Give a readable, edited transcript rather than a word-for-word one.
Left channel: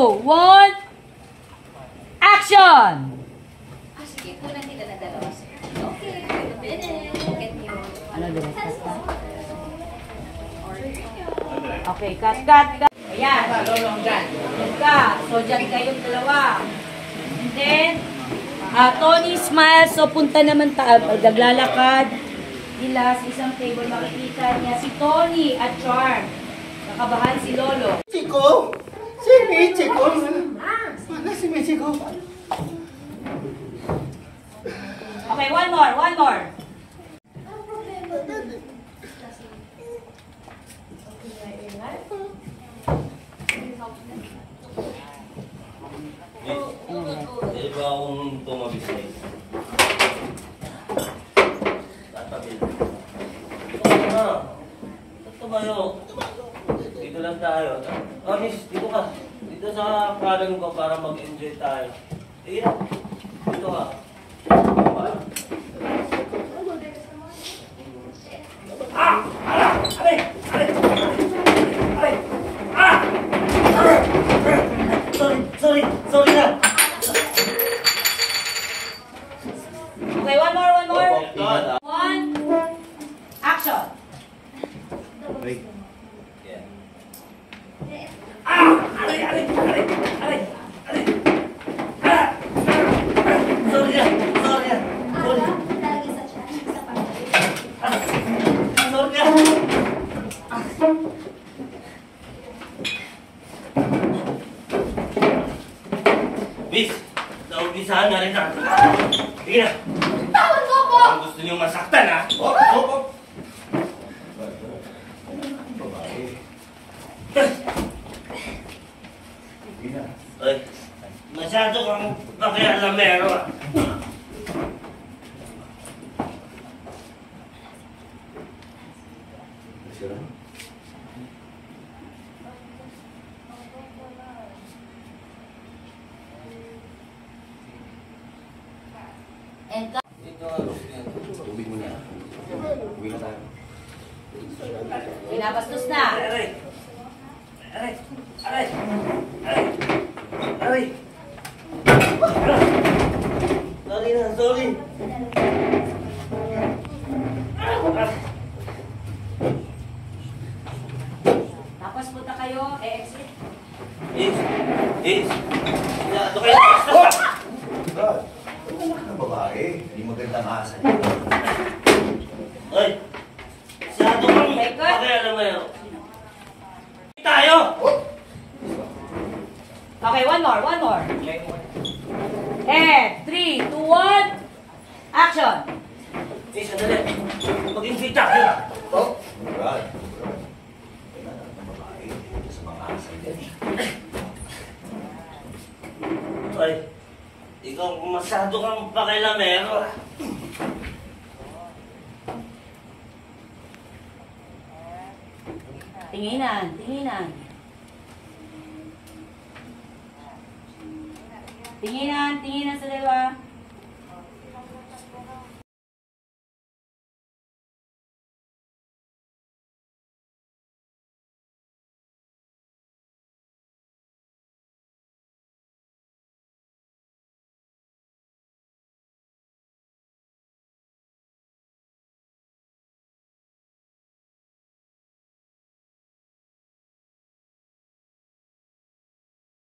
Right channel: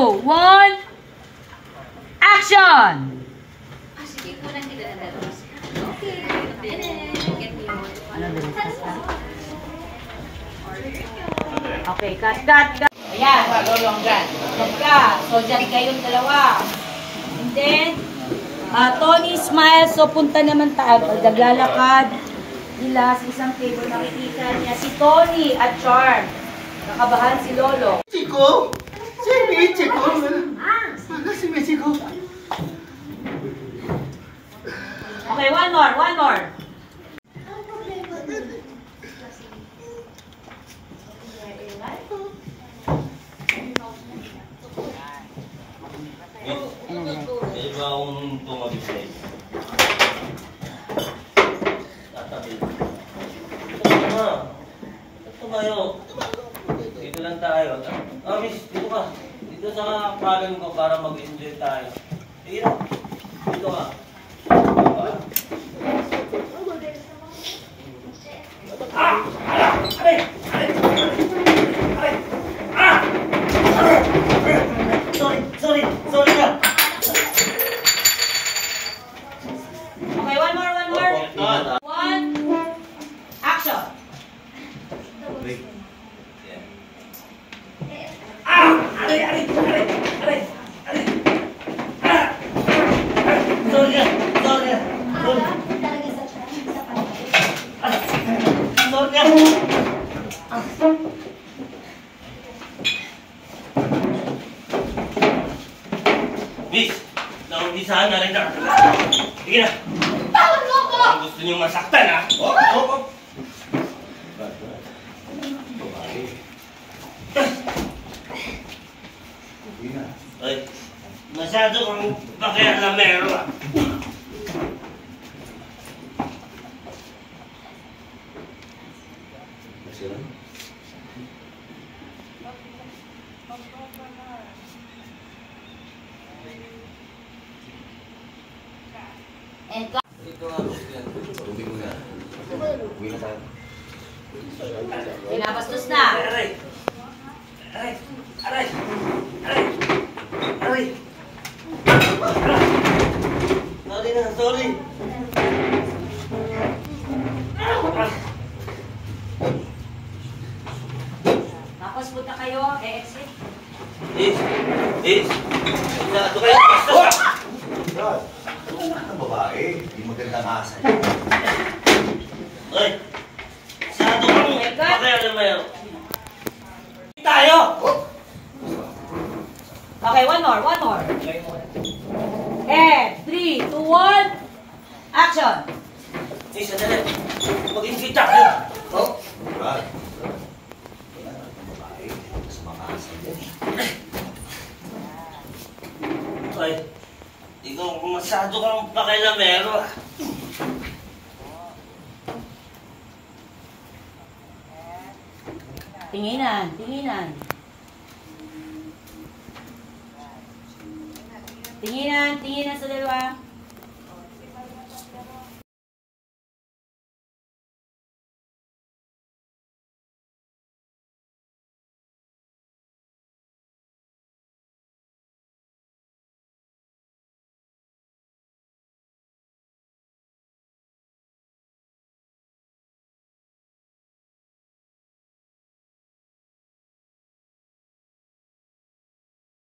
1, action! Sige po lang nila na dalawa. Okay. Ano, dali, cut. Okay, cut. Ayan. Cut ka. So, dyan kayong dalawa. And then, Tony smile. So, punta naman naglalakad. Nila sa isang table, nakikita niya si Tony at Charm. Nakabahan si Lolo. Chico! Si Michiko! Mana si Michiko? Okay, one more. Di ba akong tumabis na ito? Tatabi. Ito tayo. Dito lang tayo. Miss, dito ka. Dito sa kalan ko para mag-enjoy tayo. Sige na. Dito ka. Sorry na. Okay, one more. 1, action! Wait. Miss, naumpisahan na rin na. Sige na. Tawag mo ko! Kung gusto niyo masaktan, ha? Ay, masyado kang pakialamero, ha? Ito nga, tubig mo na. Uwi na tayo. Pinabastos na. Aray! Sorry. Tapos punta kayo, exit. Is. Ito kayo. God, ano nga ng babae? Hindi magandang asa. Ay! Masyado kang pakialamero. Tayo! Okay, one more. And 3, 2, 1, action! Sandali. Mag-enjoy tayo. God, wala ng babae. Sa mga asa yan. Ay, ikaw masyado kang pakialamero. Tinginan. Tinginan sa dalawa.